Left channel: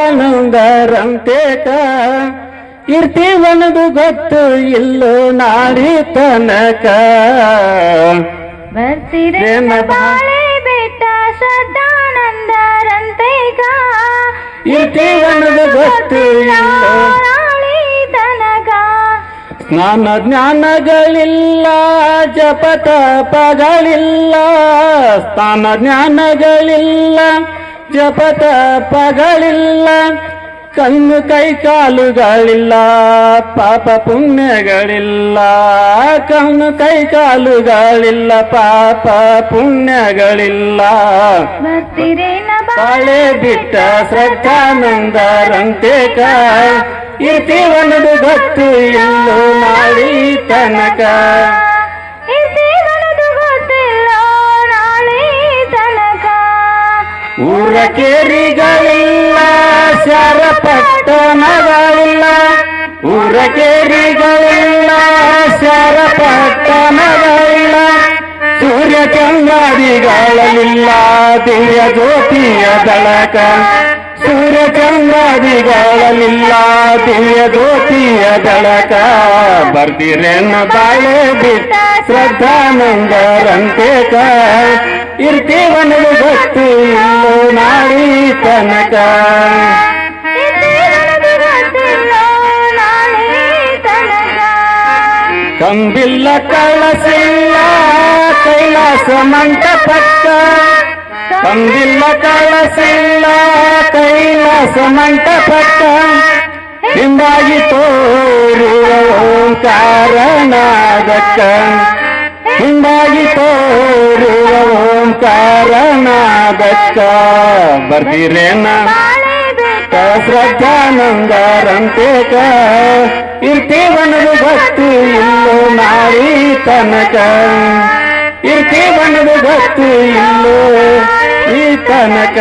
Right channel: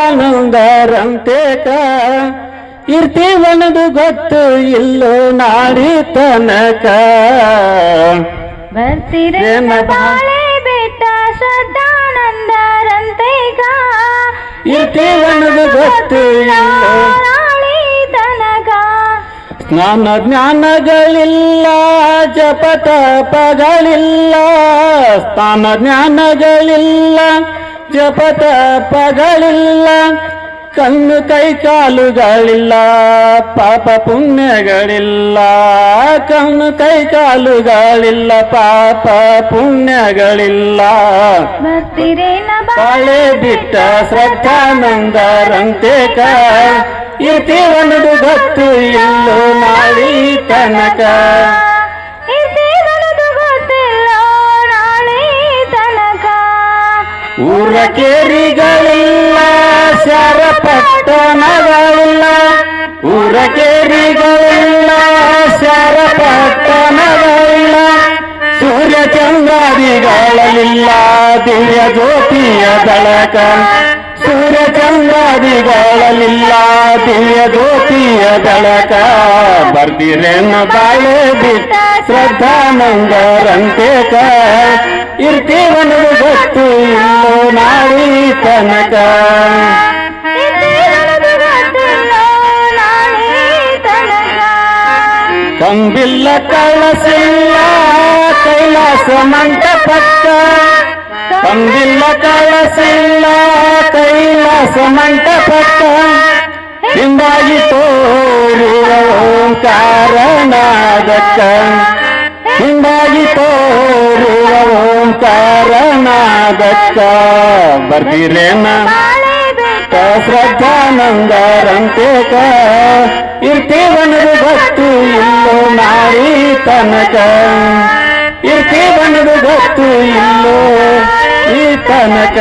ಆನಂದರಂತೇಕ ಇರ್ತೀವನದು ಗೊತ್ತು ಇಲ್ಲೋ ನಾಡಿ ತನಕ. ಬೆಟ್ಟ ಶ್ರದ್ಧಾನಂದರಂತೇಕ ಇರ್ತೀವನದು ಗೊತ್ತು ಇಲ್ಲೋ ಸ್ನಾನ ಜ್ಞಾನಗಳಿಲ್ಲ ಜಪ ತಪಗಳಿಲ್ಲ ಸ್ಥಾನ ಜ್ಞಾನಗಳಿಲ್ಲ ಜಪ ತಪಗಳಿಲ್ಲ ಕಣ್ಣು ಕೈ ಕಾಲುಗಳಿಲ್ಲ ಪಾಪ ಪುಣ್ಯಗಳಿಲ್ಲ ಕಣ್ಣು ಕೈ ಕಾಲುಗಳಿಲ್ಲ ಪಾಪ ಪುಣ್ಯಗಳಿಲ್ಲ. ಬಾಳೆ ಬಿಟ್ಟ ಶ್ರದ್ಧಾನಂದರಂತೆ ಇರ್ತೀವನದು ಗೊತ್ತು ಇಲ್ಲೋ ನಾಳಿ ತನಕ. ಊರ ಕೇರಿಗಳಿಲ್ಲ ಶರ ಊರ ಕೇರಿಗಳಿಲ್ಲ ಶರ ಸೂರ್ಯ ಚಂದ್ರಾದಿಗಳಿಲ್ಲ ದಿವ್ಯ ಜ್ಯೋತಿಯ ದಳಕ ಸೂರ್ಯ ಚಂದ್ರಾದಿಗಳಿಲ್ಲ ದಿವ್ಯ ಜ್ಯೋತಿಯ ದಳಕ ಬರ್ದಿರೇನ ಬಾಳೆ ಬಿಟ್ಟ ಶ್ರದ್ಧಾನಂದರಂತೆ ಇಲ್ಲೋ కనక కంబిల్ల కళసిల్ల కైలాసమంట పక్క కంబిల్ల కళసిల్ల కైలాసమంట పక్క సింబాయి తోరు కారణాదక్క ಬರ್ದಿರೇನ ಬಾಳೆ ಬೆಟ್ಟ ಶ್ರದ್ಧಾನಂದರಂತೆ ಇರ್ತೀವನದು ಗೊತ್ತು ಇಲ್ಲೋ ನಾಳಿ ತನಕ. ಇರ್ತೀವನದು ಗೊತ್ತು ಇಲ್ಲೋ ಈ ತನಕ.